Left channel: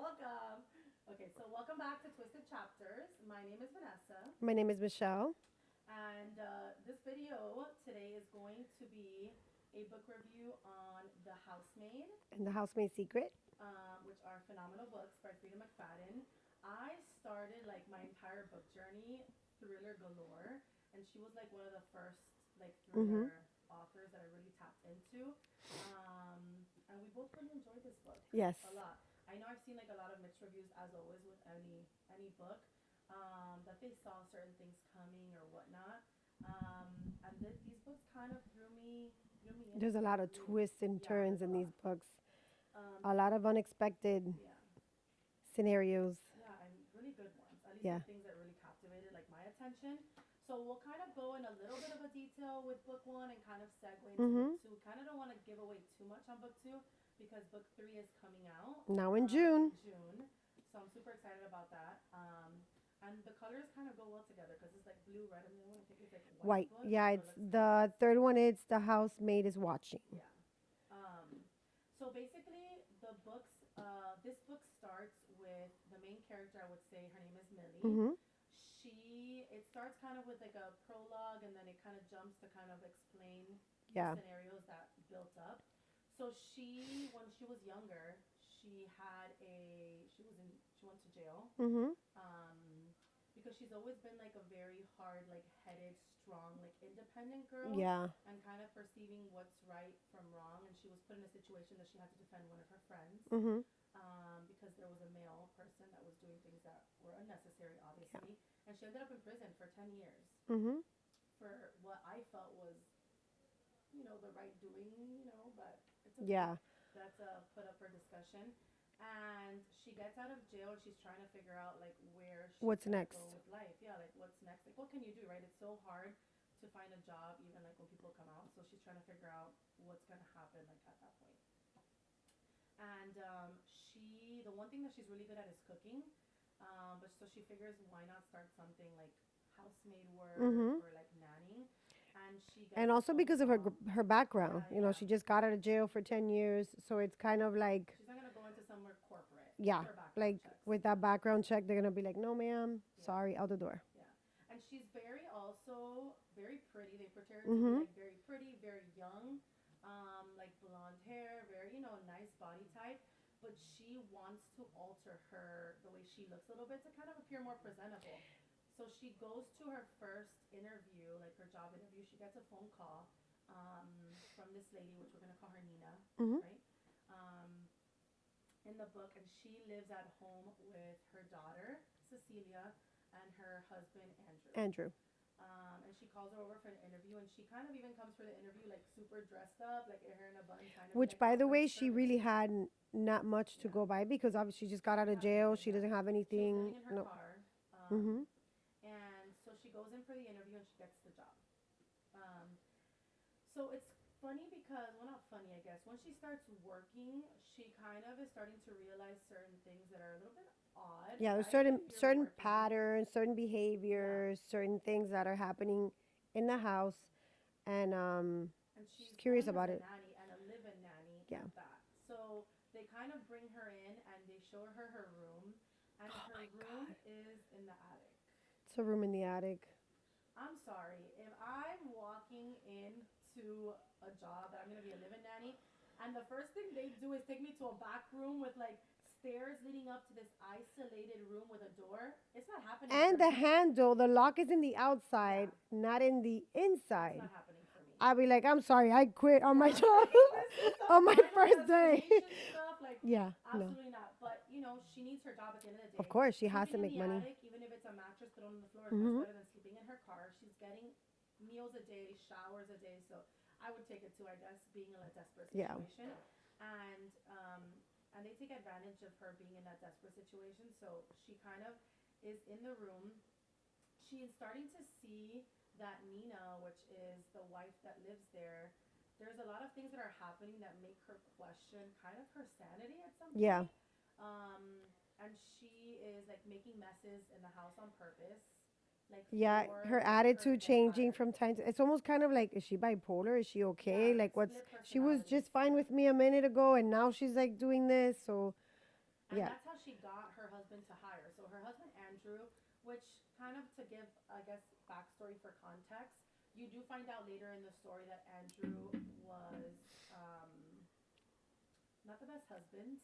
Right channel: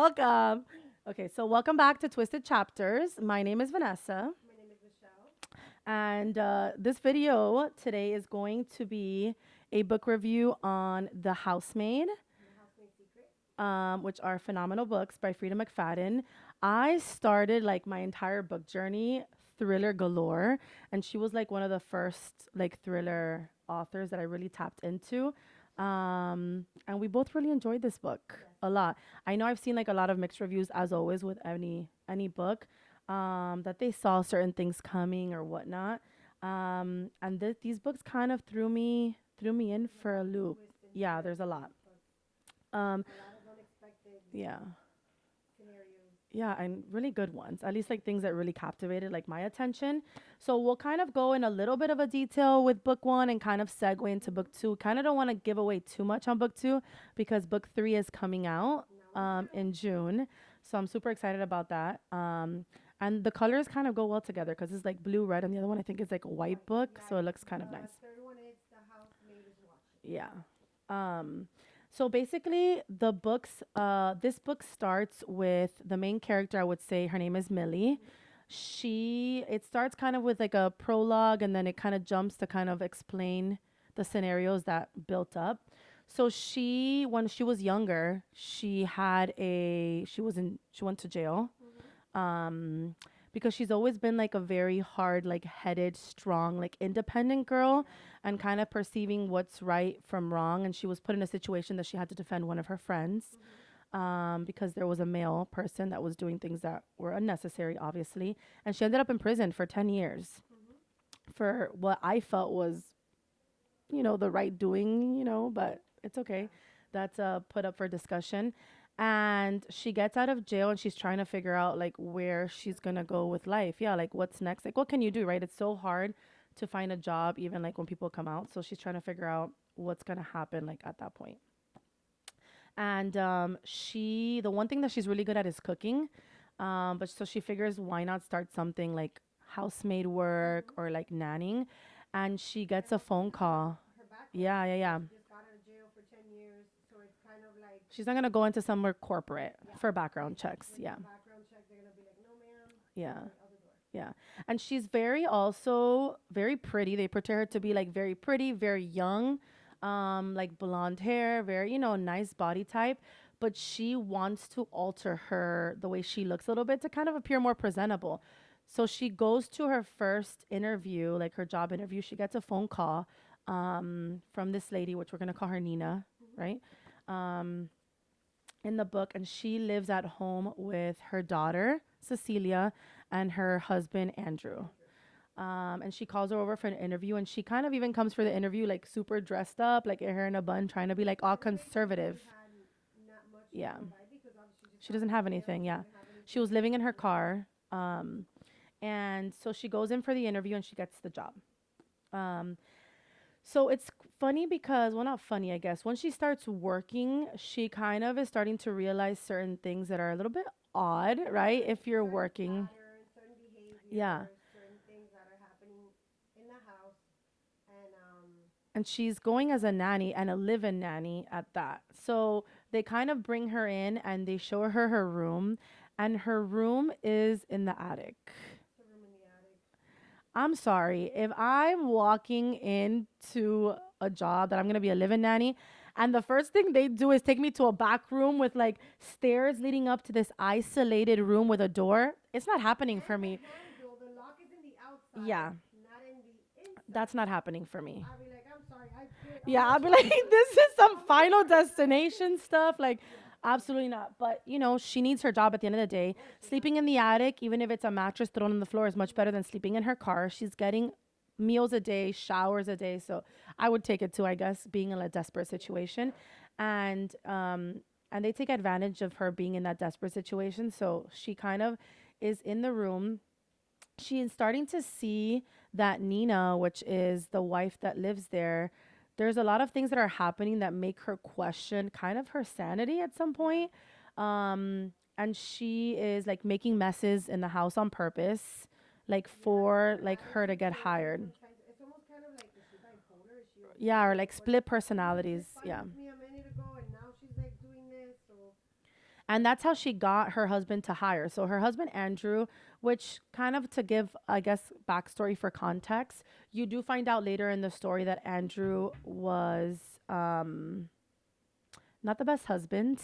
Welcome. Okay, so welcome back to Twisted Chapters. My name is Vanessa, My name is Michelle. and this video today is going to be a book review on The Housemaid, And the Housemaid Secret. which are phenomenal books by Freida McFadden. I started like my entire book journey thriller galore, and she was like one of the first like Mm-hmm. thriller authors that I really tapped into. And we both really enjoyed this book Yes. a lot. I know I've seen like a lot of mixed reviews as always with any book, that they saw certain things coming or whatnot. And these books kind of threw me in There's a for lot a of loop. twists and Yeah, turns there's a in lot. these books. Um, A lot of unexpected yeah. scenarios. Yeah, and really good ones. At least Yeah. like things that really captivated like my attention. So we'll kind of go in a little bit of a detail with book one and kind of segue into book Mm-hmm. two. Kind of don't want to give away too much on book two because book three is coming out Now in June. in June. So I'm super excited about that. And the colors kind of go well together because it's like blue, red, and the other one I think is like a white White. book. Yeah, So it it's looks kind of the nice. third one. It's The Housemaid is Watching. Yeah. Um, so basically, this book starts with the main character. I would say her name is Millie. Mm-hmm. It starts kind of with like a prologue, and then it kind of jumps to kind of explain the Yeah. scenarios that built up. So when she was younger, she went to jail, Mm-hmm. um, because she's always been like a very hard, like headed, strong, like independent girl Yeah. and kind of perceiving what's right from wrong. And she was put in a situation that she had to defend one of her friends, Mm-hmm. because there was a male person that was doing things that were unnecessary, obviously. And she ended up in prison for 10 years Mm-hmm. for what I felt was, the right doing, but it's okay. Yeah. That's put up for discussion. And she gets out of jail and she's trying to figure out like where she's What's going to next? go with life. Yeah, like what's next? Like what can you do, right? It's so hard to find a job even like when people come out. So she's trying to figure out what's going to happen like at that point. And the one thing that she's really good at is cooking. But so she figures why not start something like housemaid work Mm-hmm. or like nannying. And she gets And a also phone because of call. her background. Yeah, yeah, yeah. She just got out of jail for 10 years. So it's kind of like, She's not gonna go into somewhere corporate yeah, for background like checks. with Yeah, that background check, they're going to be like, no, ma'am. yeah, Sorry, out the door. yeah. And she's also very pretty. They portray her to be Mm-hmm. like very pretty, very young, like blonde hair, very nice body type. But she wants to alter the way she looks a little bit to kind of appear more presentable. So she goes to her first interview, like her job interview. She gets a phone call, from this lady, which we're gonna call her Nina, Mm-hmm. right? Um, in the book, and she lives at home with her daughter Cecilia and her husband Andrew. Andrew. And she calls her over for an interview, and she kind of even comes for the interview like super dressed up, like her hair in a bun, trying to be Which, like by all the way, she conservative. really had not much to Yeah, go by because obviously she just she got out doesn't of have jail. anything. She Yeah, doesn't have anything. she was living in her No. car, Mm-hmm. and so she goes in for the interview and she gets the job. Um, So it's funny because, well, not funny, I guess. When she starts working, she kind of is starting to realize certain things that are a little bit odd, Yeah, right? certain If you're certain working. patterns, certain Yeah. behaviors, certain things that are happening in the house, and And she's curious going as about a it. nanny and a live in nanny Yeah. at that. So they kind of bring her in and they show her room, and her room is in the attic. It's a room in the attic. I'm sorry. If I'm walking into a job that I'm going to be a live-in nanny, and the first thing they do is take me to a back room with like stairs leading up to this isolated room with a door, it's not happening for And the me. handle, the lock is in the outside, Yeah, not in the inside. that's not happening for me. I'll be like, I'm sorry, I quit on Yeah, my I'll be job. like, this is some On my final first day. destination stuff. Like, Yeah, absolutely not. But, she needs her job at the end of the day. of course, she has Sleeping to in make the money. attic, even if it's a mattress thrown on the floor, is much Mm-hmm. better than sleeping in her car. She's getting meals a day, showers a day. So I would take it too, I guess, being in a desperate Yeah. situation. And they take advantage of her being in that desperate situation. So she kind of is in the room. She is starting to see that Nina, which is the wife that lives there, there's a lot of things that are happening that make her question kind of her sanity at some Yeah. point. And she is like making messes in the house on purpose, like Yeah, for her like her to attitude get changing hired. from time to. It's almost kind of like, is she bipolar? Is she okay? Yeah, or like what's split she was personalities. just fine Yeah. with me a minute ago, and now she's like doing this. So And Yeah. that's how she got her husband to hire. So her husband Andrew, which kind of to give, I guess, backstory for context, you do find out later in the story that Andrew was um not the best husband,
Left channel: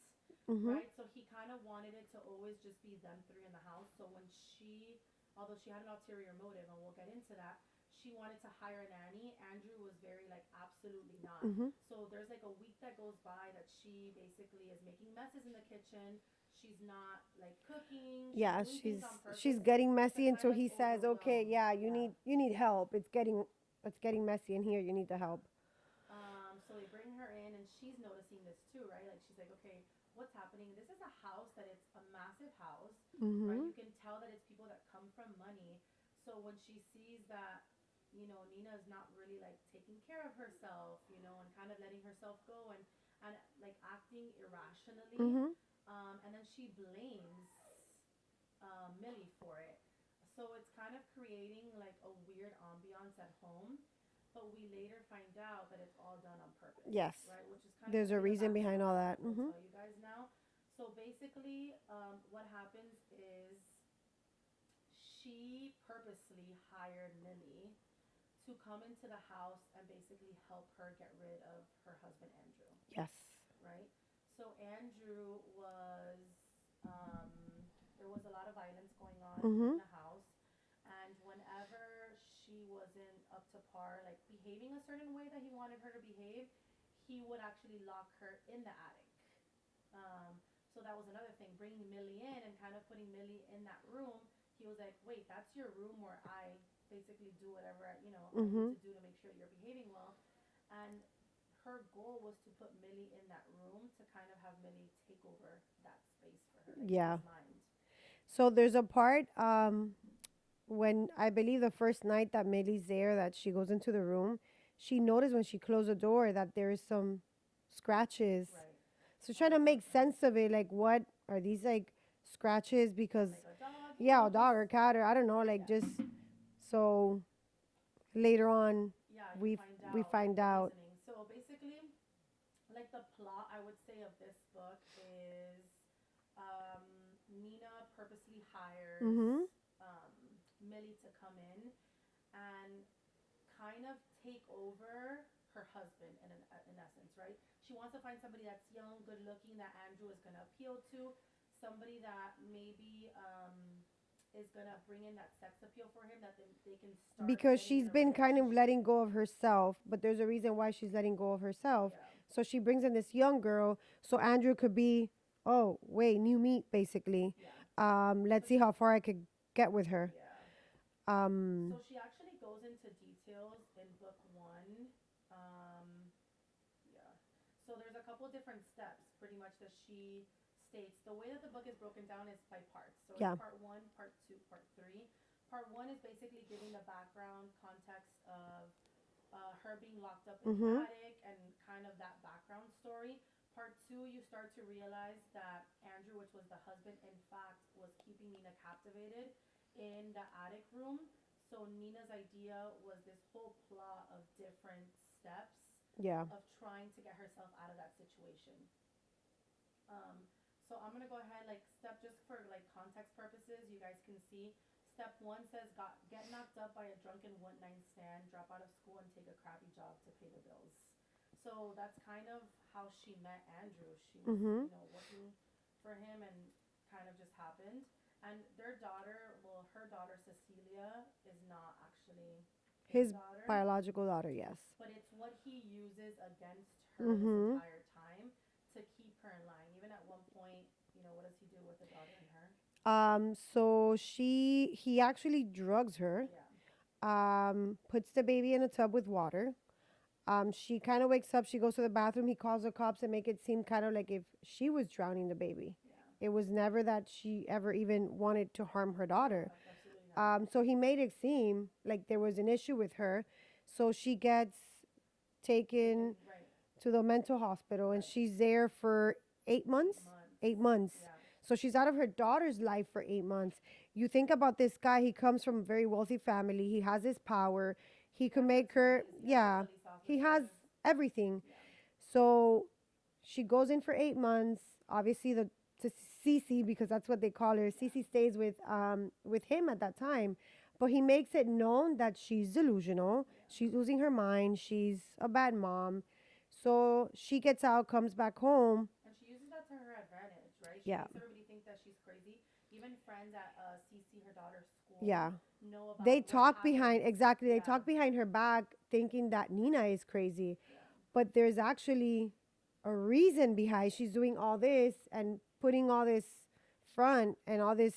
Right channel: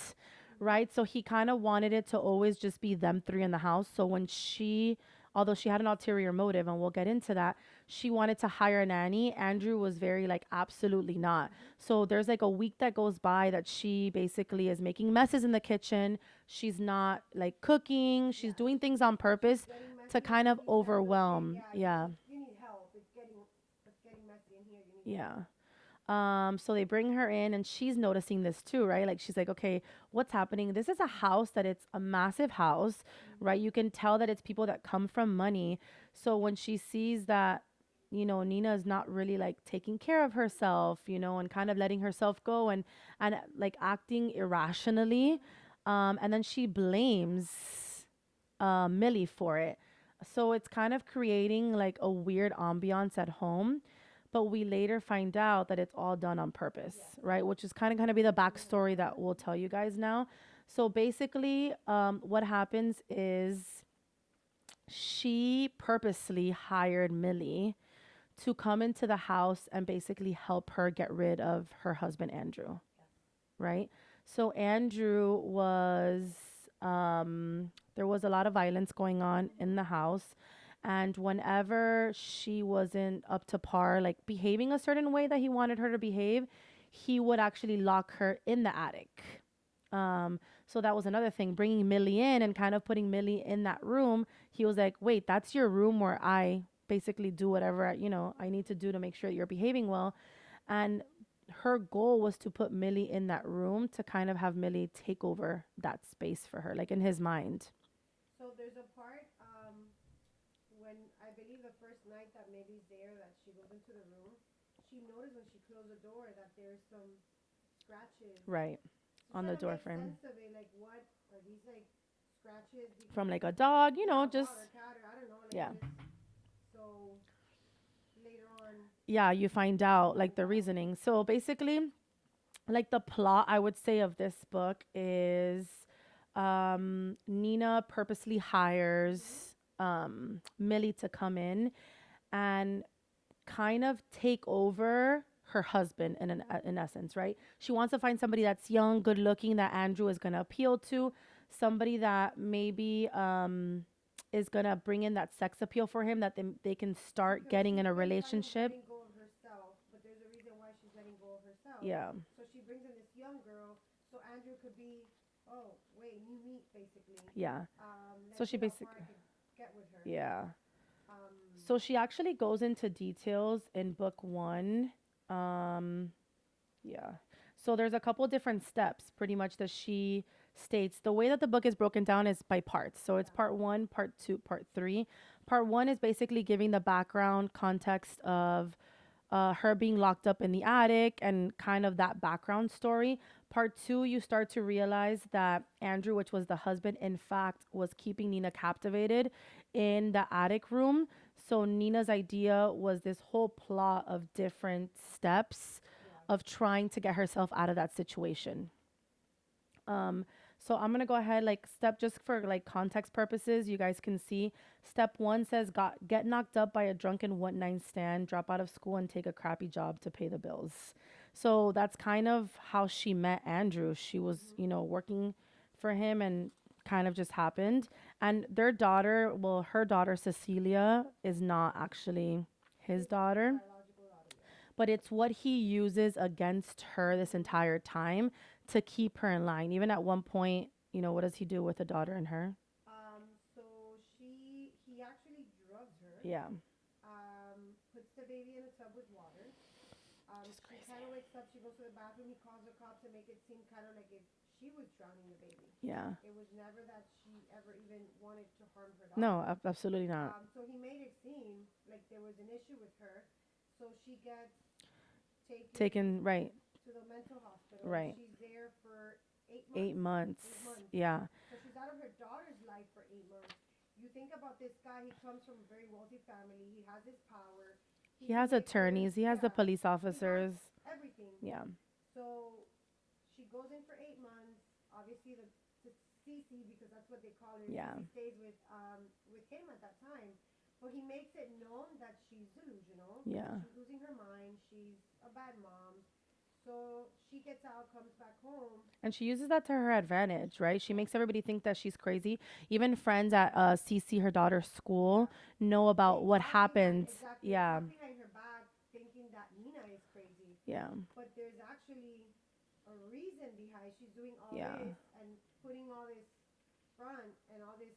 Mhm. right? So he kind of wanted it to always just be them three in the house. So when she, although she had an ulterior motive, and we'll get into that, she wanted to hire a nanny. Andrew was very like, absolutely not. Mhm. So there's like a week that goes by that she basically is making messes in the kitchen. She's not like cooking. She's Yeah, doing things on she's purpose getting to messy kind until of he says, "Okay, overwhelm. yeah, Yeah. you need help. It's getting messy in here. You need the Yeah. help." So they bring her in and she's noticing this too, right? Like she's like, okay, what's happening? This is a house that it's a massive house, right? You Mhm. can tell that it's people that come from money. So when she sees that, Nina is not really like taking care of herself, and kind of letting herself go and like acting irrationally, Mhm. and then she blames Millie for it. So it's kind of creating like a weird ambiance at home. But we later find out that it's all done on purpose, Yes. right? Which is kind of There's going to a be the reason behind all backstory that that. we'll Mhm. tell you guys now. So basically, what happens is she purposely hired Millie to come into the house and basically help her get rid of her husband, Andrew, Yes. right? So Andrew was there was a lot of violence going on in Mhm. the house, and whenever she wasn't up to par, like behaving a certain way that he wanted her to behave, he would actually lock her in the attic. Um so that was another thing, bringing Millie in and kind of putting Millie in that room. He was like, "Wait, that's your room where I basically do whatever I need Mhm. to do to make sure that you're behaving well." And her goal was to put Millie in that room to kind of have Millie take over that space for her, like in Yeah. his mind. So there's a part when I believe the first night that Millie's there that she goes into the room, she noticed when she closed the door that there is some scratches. Right. So On trying the to door make frame. sense of it, like what are these like scratches? From Because like a dog, yeah, a just dog or cat or I don't know, like yeah. just so later on Yeah, you we find we out like find the out. reasoning. So basically, like the plot I would say of this book is Nina purposely hires Mhm. Millie to come in and kind of take over her husband in essence, right? She wants to find somebody that's young, good looking, that Andrew is going to appeal to, somebody that maybe is going to bring in that sex appeal for him, that they can start Because getting in she's a been kind of relationship. letting go of herself, but there's a reason why she's letting go of herself. Yeah. So she brings in this young girl, so Andrew could be, oh wait, new meat basically. Yeah. So Let's see she how basically, far I could get with her. yeah. Um, So she actually goes into details in book 1. Um Yeah. So there's a couple different steps pretty much that she states. The way that the book is broken down is by parts. So it's yeah. part 1, part 2, part 3. Part 1 is basically giving the background context of her being locked up in the Mhm. attic and kind of that background story. Part 2, you start to realize that Andrew, which was the husband, in fact, was keeping Nina captivated in the attic room. So Nina's idea was this whole plot of different steps Yeah. of trying to get herself out of that situation. Um, so I'm gonna go ahead, like step, just for like context purposes, you guys can see. Step 1 says, got get knocked up by a drunken one night stand, drop out of school and take a crappy job to pay the bills. So that's kind of how she met Andrew. She was, Mhm. working for him and kind of just happened. And their daughter, well, her daughter Cecilia is not actually his His daughter, biological daughter, yes. but it's what he uses against her this Mhm. entire time to keep her in line. Even at one point, what does he do with the daughter and her? So he actually drugs her. Yeah. Puts the baby in a tub with water. She kind of wakes up. She goes to the bathroom. He calls the cops and make it seem kind of like if she was drowning the baby. Yeah. It was never that she ever even wanted to harm her No, daughter. absolutely not. So he made it seem like there was an issue with her. So she gets taken Taken, right, to the mental hospital and right. she's there for 8 months. 8 months. 8 months. Yeah. So she's out of her daughter's life for 8 months. You think about this guy, he comes from a very wealthy family. He has his power. He He can has make her, attorneys, he has the yeah, police he has officers. everything. Yeah. So she goes in for 8 months. Obviously, the to Cece, because that's what they call her. Yeah. Cece stays with him at that time, but he makes it known that she's delusional. Yeah. She's losing her mind. She's a bad mom. So she gets out, comes back home. And she uses that to her advantage, right? She Yeah. makes everybody think that she's crazy. Even friends at CC, her daughter's school, Yeah. know about They what talk happened. behind exactly. They Yeah. talk behind her back, thinking that Nina is crazy. Yeah. But there's actually a reason behind she's doing all Yeah. this and putting all this front and all this.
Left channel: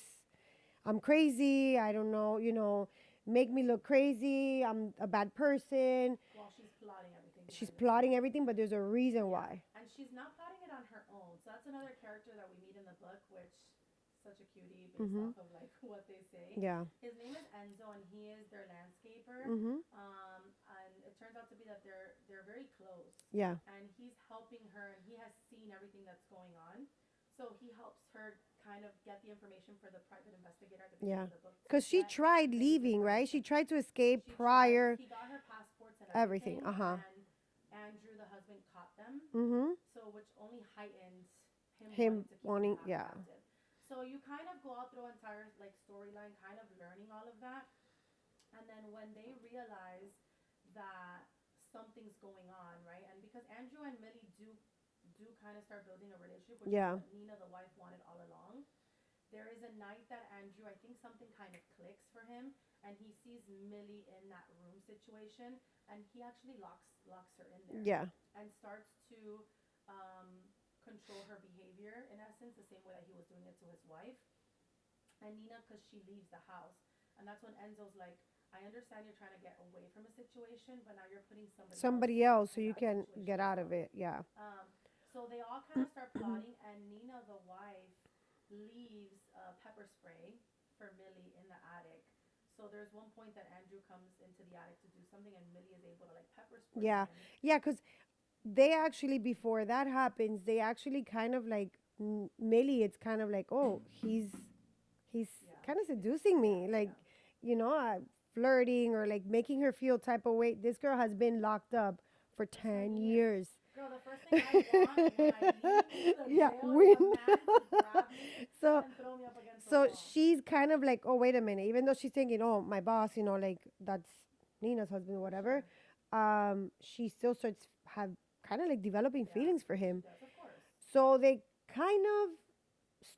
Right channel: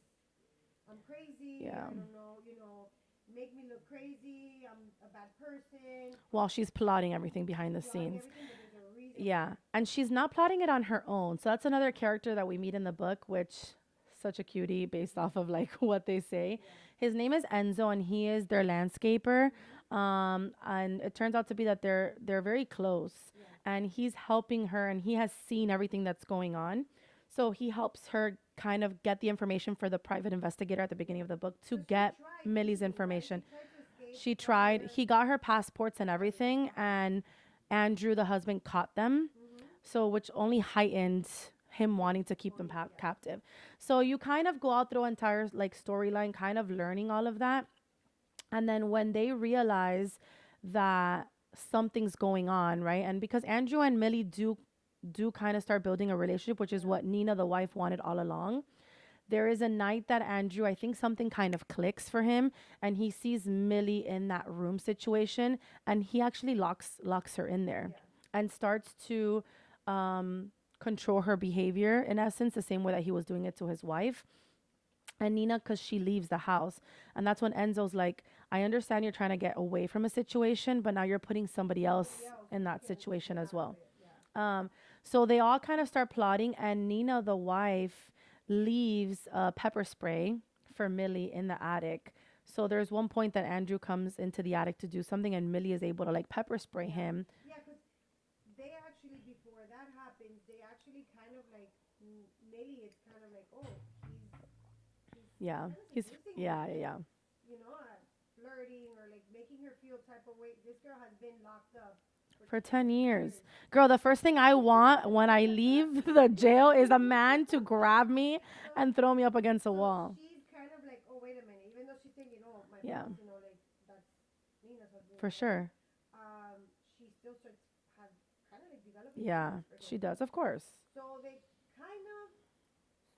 I'm crazy. Yeah. I don't know. Make me look crazy. I'm a bad person. While she's plotting everything behind She's the plotting scenes. everything, but there's a reason Yeah. why. And she's not plotting it on her own. So that's another character that we meet in the book, which such a cutie based off of like what they say. Yeah. His name is Enzo and he is their landscaper. Mm-hmm. And it turns out to be that they're very close. Yeah. And he's helping her and he has seen everything that's going on. So he helps her kind of get the information for the private investigator at the beginning Yeah. of the book to Because she get tried Millie's leaving, right? information. She tried to escape. She prior. tried. He got her passports and everything, Uh-huh. and Andrew, the husband, caught them. Mm-hmm. So, which only heightened him wanting to keep them yeah. captive. So you kind of go out through entire like storyline, kind of learning all of that, and then when they realize that something's going on, right? And because Andrew and Millie do kind of start building a relationship, which is Yeah. what Nina, the wife, wanted all along. There is a night that Andrew, I think something kind of clicks for him, and he sees Millie in that room situation, and he actually locks her in there, Yeah. and starts to control her behavior in essence, the same way that he was doing it to his wife. And Nina, because she leaves the house, and that's when Enzo's like, I understand you're trying to get away from a situation, but now you're putting somebody else so in you that can situation get as out well. of it. Yeah. So they all kind of start plotting, and Nina, the wife, leaves pepper spray for Millie in the attic. So there's one point that Andrew comes into the attic to do something, and Millie is able to like pepper spray Yeah. him. Yeah, because they actually, before that happens, they actually kind of like Millie. It's kind of like, oh, he's Yeah. kind of He's- seducing me, yeah, like yeah. flirting or like making her feel type of way. This girl has been locked up for 10 years. years. Girl, the first thing I want when I leave the Yeah. jail is a man to grab me So, and throw me up against a so wall. she's kind of like, oh, wait a minute. Even though she's thinking, oh, my Yeah. boss, like that's Nina's husband, For whatever. sure. She still starts have kind of like developing Yeah, feelings for him. she does, of course. So they kind of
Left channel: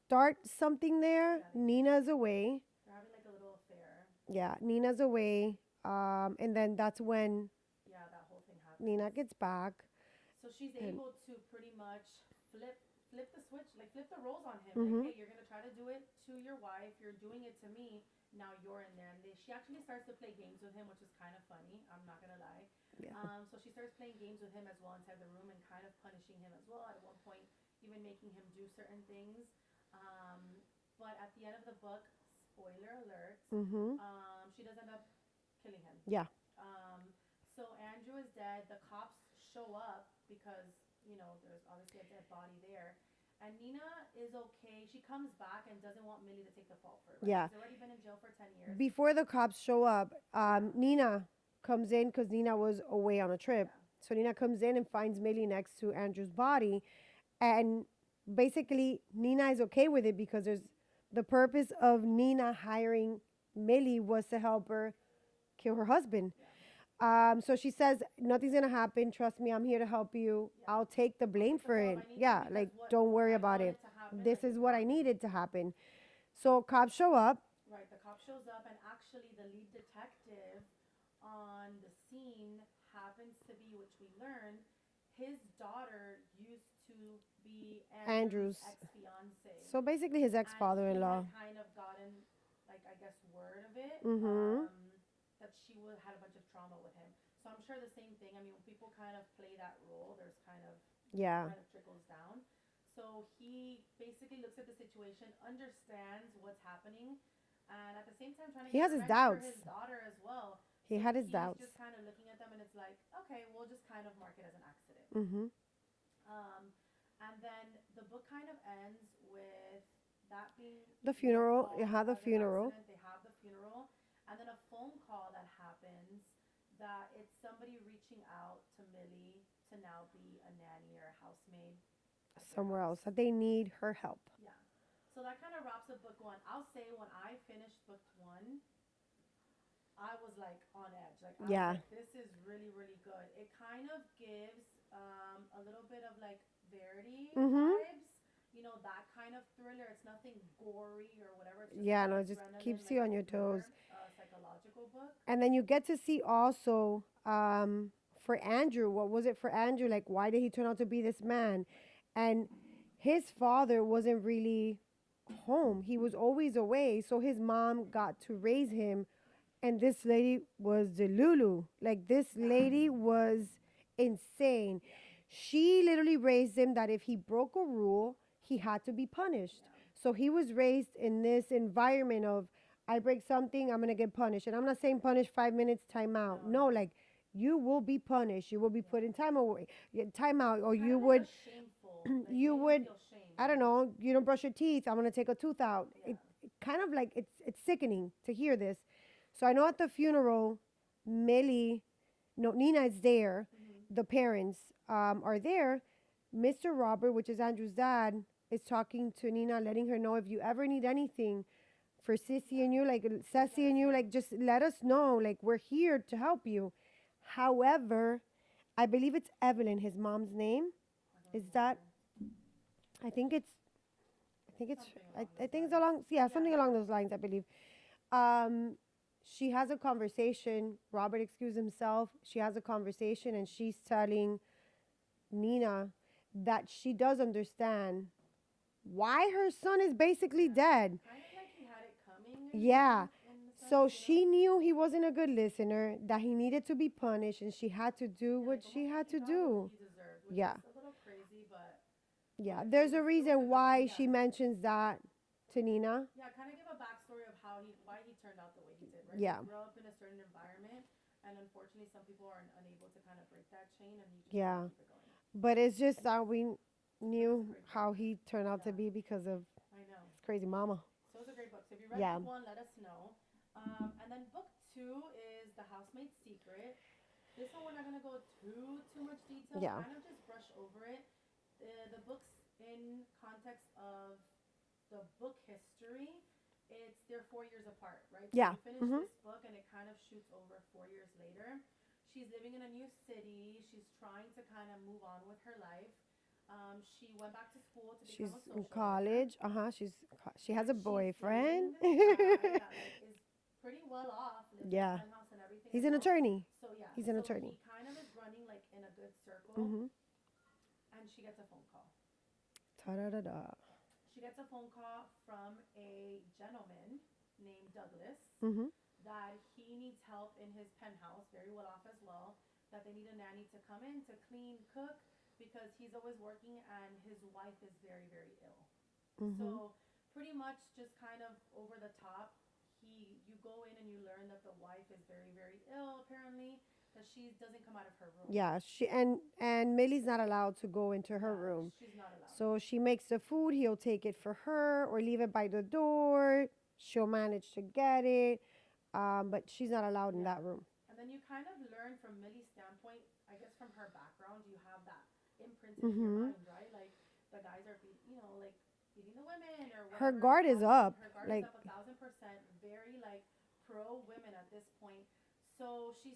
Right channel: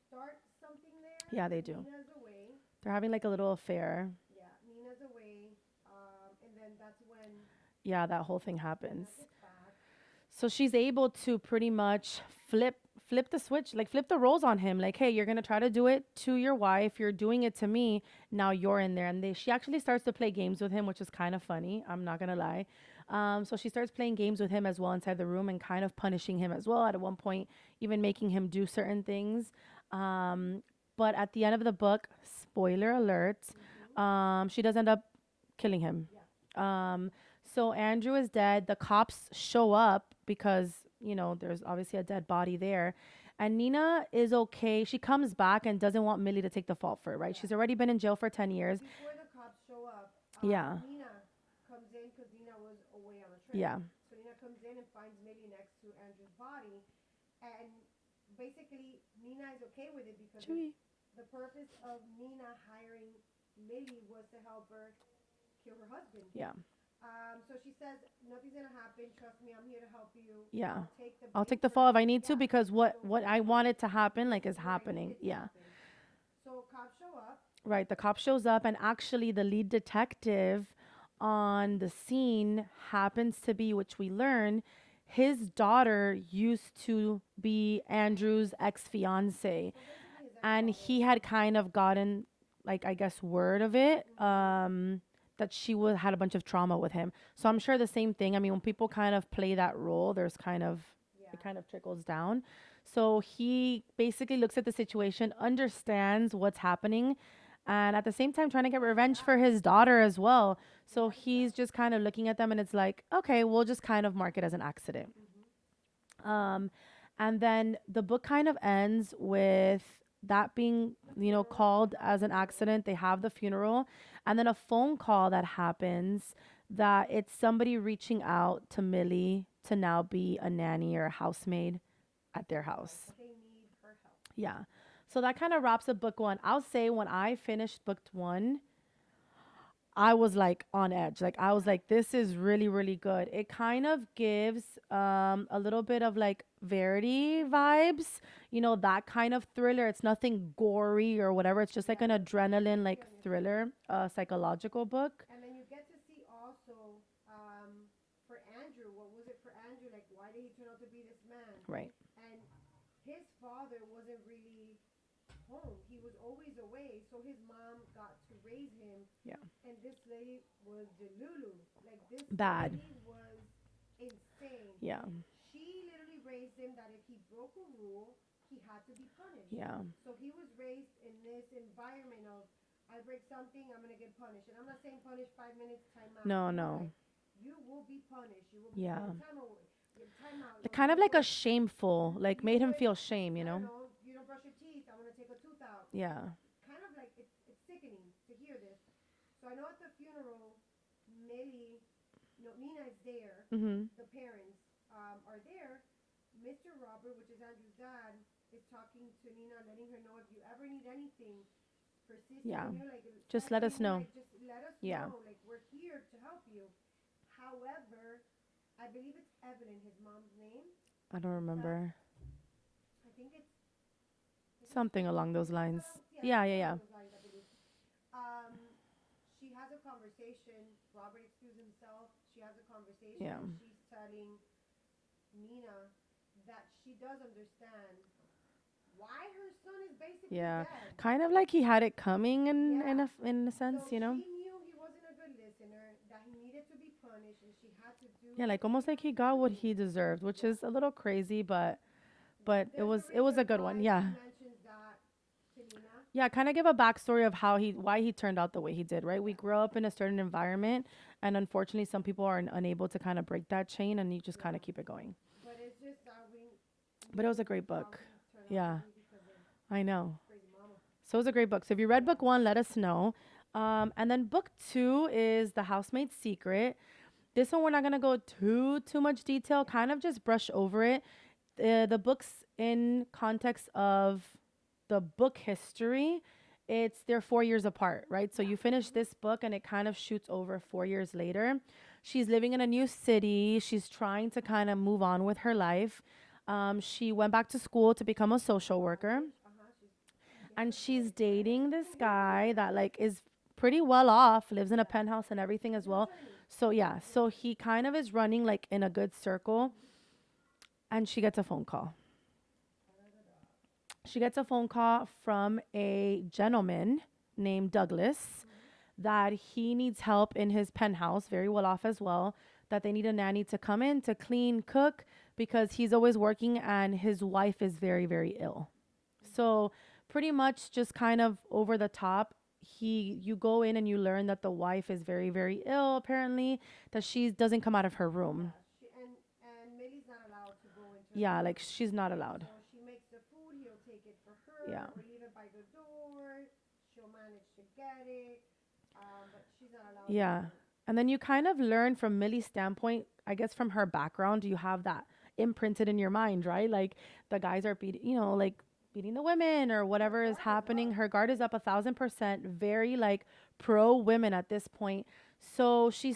start something there. Yeah, they do. Nina's away. They're having like a little affair. Yeah, Nina's away. And then that's when Yeah, that whole thing happens. Nina gets back. So she's able to pretty much flip the switch, like flip the roles on him. Like, Mhm. hey, you're gonna try to do it to your wife. You're doing it to me. Now you're in there, and she actually starts to play games with him, which is kind of funny. I'm not gonna lie. So she starts playing games with him as well inside the room, and kind of punishing him as well. At one point, even making him do certain things. But at the end of the book, spoiler alert, Mm-hmm. she does end up killing him. Yeah. So Andrew is dead. The cops show up because, there's obviously a dead body there. And Nina is okay. She comes back and doesn't want Millie to take the fault for it, right? Yeah. She's already been in jail for 10 years. Before the cops show up, Yeah. Nina comes in because Nina was away on a trip. Yeah. So Nina comes in and finds Millie next to Andrew's body. And basically, Nina is okay with it because the purpose of Nina hiring Millie was to help her kill her husband. Yeah. So she says, nothing's going to happen. Trust me, I'm here to help you. Yeah. I'll take the blame I'll take the for fall if it. I need to, Yeah, because like, don't what worry I about wanted it. to happen, This like, is is what happening. I needed to Yeah. happen. So cops show up. Right. The cop shows up, and actually the lead detective on the scene happens to be, which we learn, his daughter used to be Andrew's ex-fiance. So basically his And ex-father-in-law. he had kind of gotten, like, I guess, word of it, Mhm. that she had a bunch of trauma with him. So I'm sure the same thing. I mean, when people kind of play that role, there's kind of, Yeah. it kind of trickles down. So he basically looks at the situation, understands what's happening, and at the same time trying to get has his revenge for doubts. his daughter as well. He So had his he's doubts. just kind of looking at them, and it's like, okay, we'll just kind of mark it as an accident. Mm-hmm. And then the book kind of ends with that being, The funeral, they called have the as an funeral. accident. They have the funeral, and then a phone call that happens that it's somebody reaching out to Millie to now be a nanny or a housemaid at their somewhere house. else, that they need her help. Yeah. So that kind of wraps up book one. I'll say when I finished book one, I was like on edge. Like I was Yeah. like, this is really, really good. It kind of gives a little bit of like Verity Mm-hmm. vibes, you know, that kind of thriller. It's nothing gory or whatever. It's just like Yeah, an no, it just adrenaline keeps like you on your toes. thriller, psychological book. And then you get to see also for Andrew, what was it for Andrew? Like, why did he turn out to be this man? Right. And his father wasn't really home. He was always away. So his mom got to raise him. Yeah. And this lady was the Lulu. Like, this Bad. lady was insane. Yeah. She literally raised him that if he broke a rule, he had to be punished. Yeah. So he was raised in this environment of, I break something, I'm gonna get punished. And I'm not saying punish 5 minutes, time out. No, No, no. like you will be punished. You will be put Yeah. in time away, time out, or Kind you of like would, a shameful, like you made him would, feel shame, you I know? don't know, you don't brush your teeth, I'm gonna take a tooth out. Yeah. Kind of like it's sickening to hear this. So I know at the funeral, Nina is there. Mm-hmm. The parents are there. Mr. Robert, which is Andrew's dad, is talking to Nina, letting her know if you ever need anything for Sissy Yeah. and you, like Just let Ceci us and you, know. like just let us Yeah. know, like we're here to help you. However, I believe it's Evelyn, his mom's name. I don't Is remember. that I think it's Something along those I think lines. it's along Yeah, something yeah, along yeah. those lines, I believe. Um she has a conversation. Robert excused himself. She has a conversation Yeah. and she's telling Nina that she does understand why her son is basically Yeah. dead. Kind of like he had it coming Yeah. in a sense, So you know? she knew he wasn't a good listener, that he needed to be punished, and she had to do Yeah, what like almost she like had he to got what do. he deserved, which Yeah. is a little crazy, but Yeah, it there's was a it was a reason good why one. Yeah. she mentions that to Nina. Yeah, kind of give a backstory of why he turned out the way he did, right? Yeah. We grew up in a certain environment, and unfortunately, some people are unable to kind of break that chain, and you just kind Yeah. of keep it going. But it's just that we But it was knew a great how book. he turned out to Yeah, be because of I know. his crazy mama. So it was a great book. So if you read Yeah. book one, let us know. And then book two is The Housemaid's Secret. This one we're not gonna go too much detail. Yeah. Kind of just brush over it. The book's in context of the book history. They're 4 years apart, right? So Yeah. you finish this book and it kind of shoots over 4 years later. She's living in a new city. She's trying to kind of move on with her life. She went back to school to become a She's in social worker, college. She has and a she's boyfriend. dating this guy that like is pretty well off, lives in a Yeah. penthouse and everything He's as an well. attorney. So yeah, He's an so attorney. he kind of is running like in a good circle, Mm-hmm. and she gets a phone call. Ta-da-da-da. She gets a phone call from a gentleman named Douglas Mm-hmm. that he needs help in his penthouse, very well off as well, that they need a nanny to come in to clean, cook, because he's always working and his wife is very, very ill. Mm-hmm. So pretty much just kind of over the top. You go in and you learn that the wife is very, very ill, apparently, that she doesn't come out of her room. Yeah, and Millie's not allowed to go into her Yeah, room. like she's not allowed. So she makes the food. He'll take it for her Yeah. or leave it by the door. She'll manage to get it, but she's not allowed in Yeah. that room. And then you kind of learn from Millie's standpoint, I guess from her background, you have that imprinted in your Mhm. mind, right? Like the guys are beating, like beating the women or whatever guard is is happening. up, Her guard is like- up 1,000%, very like pro women at this point. So she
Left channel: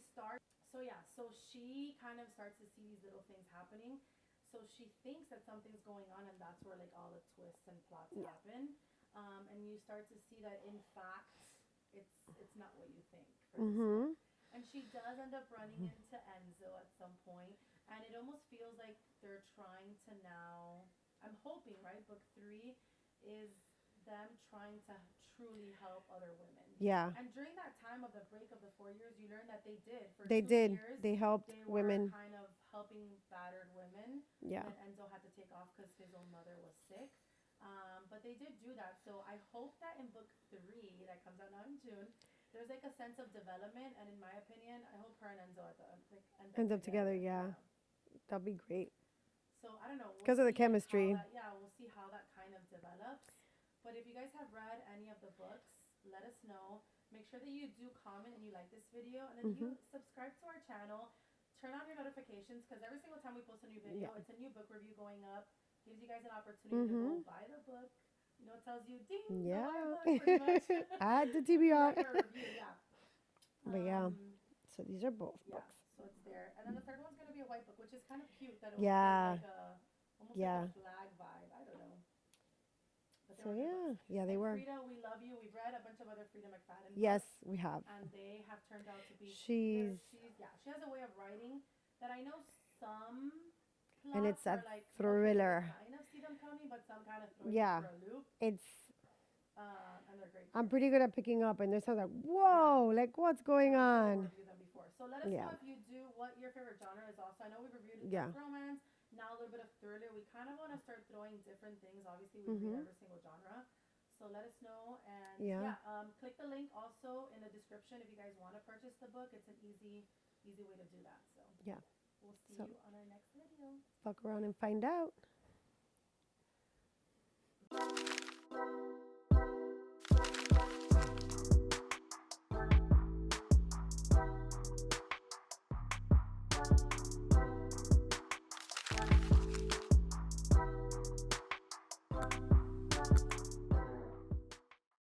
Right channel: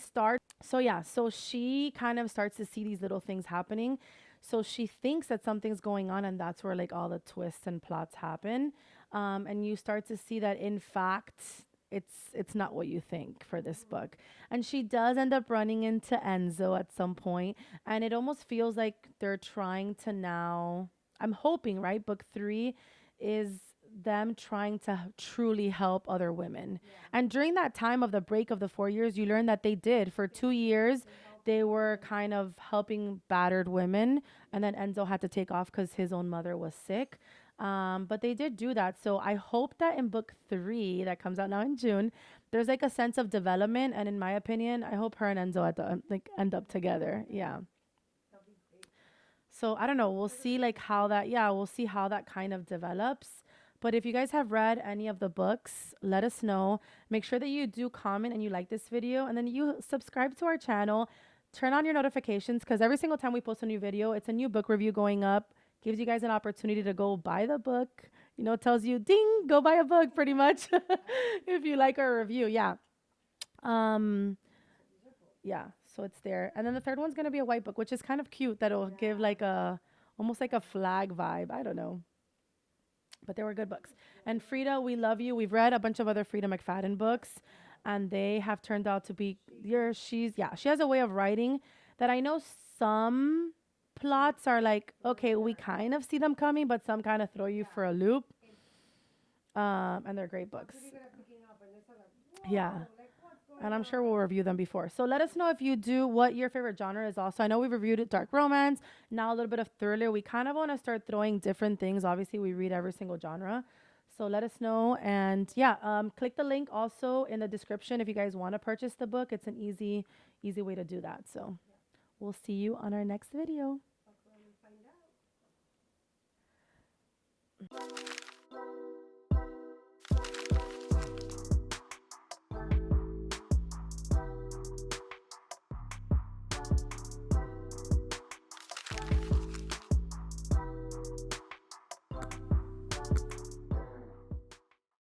kind of starts to see these little things happening. So she thinks that something's going on, and that's where like all the twists and plots happen. And you start to see that in fact it's not what you think for this Mhm. book. And she does end up running into Enzo at some point, and it almost feels like they're trying to now, I'm hoping, right? Book 3 is them trying to truly help other women. Yeah. And during that time of the break of the 4 years, you learn that they did for They 2 years. They helped. They were women. kind of helping battered women, Yeah. and then Enzo had to take off because his own mother was sick. But they did do that. So I hope that in book 3 that comes out now in June, there's like a sense of development. And in my opinion, I hope her and Enzo end up together. Yeah. That'd be great. So I don't know. We'll 'Cause of the see like how chemistry. we'll see how that kind of develops. But if you guys have read any of the books, let us know. Make sure that you do comment and you like this video, and then you subscribe to our channel. Turn on your notifications, because every single time we post a new video, it's a new book review going up. gives you guys an opportunity to go Mm-hmm. buy the book. You know, tells you, ding, go Yeah. buy a book, pretty much. I had to If you TBR. like our review, yeah. But yeah. Um, So these are both. yeah, so it's there. And then the third one's gonna be a white book, which is kind of cute. That'll give Yeah. like a almost like a Yeah. flag vibe. I don't know. But they So were good yeah. books. Yeah, they And were. Frida, we love you. We've read a bunch of other Frida McFadden Yes, books, we have. and they have turned out to be She's she has a way of writing that I know some and it's plots are a like, okay, we thriller. kind of see them coming, but some kind of throw you Yeah. for a loop. It's And they're great books. I'm pretty good at picking up, and there's some like, Yeah. whoa, like what's going And I'm on? sure we'll review them before. So let us know Yeah. if you do what your favorite genre is also. I know we've reviewed it, dark Yeah. romance, now a little bit of thriller. We kind of want to start throwing different things. Obviously, we read Mhm. every single genre. So let us know. And Yeah. click the link also in the description if you guys want to purchase the book. It's an easy way to do that. So Yeah. we'll see So- you on our next video. Fuck around and find out.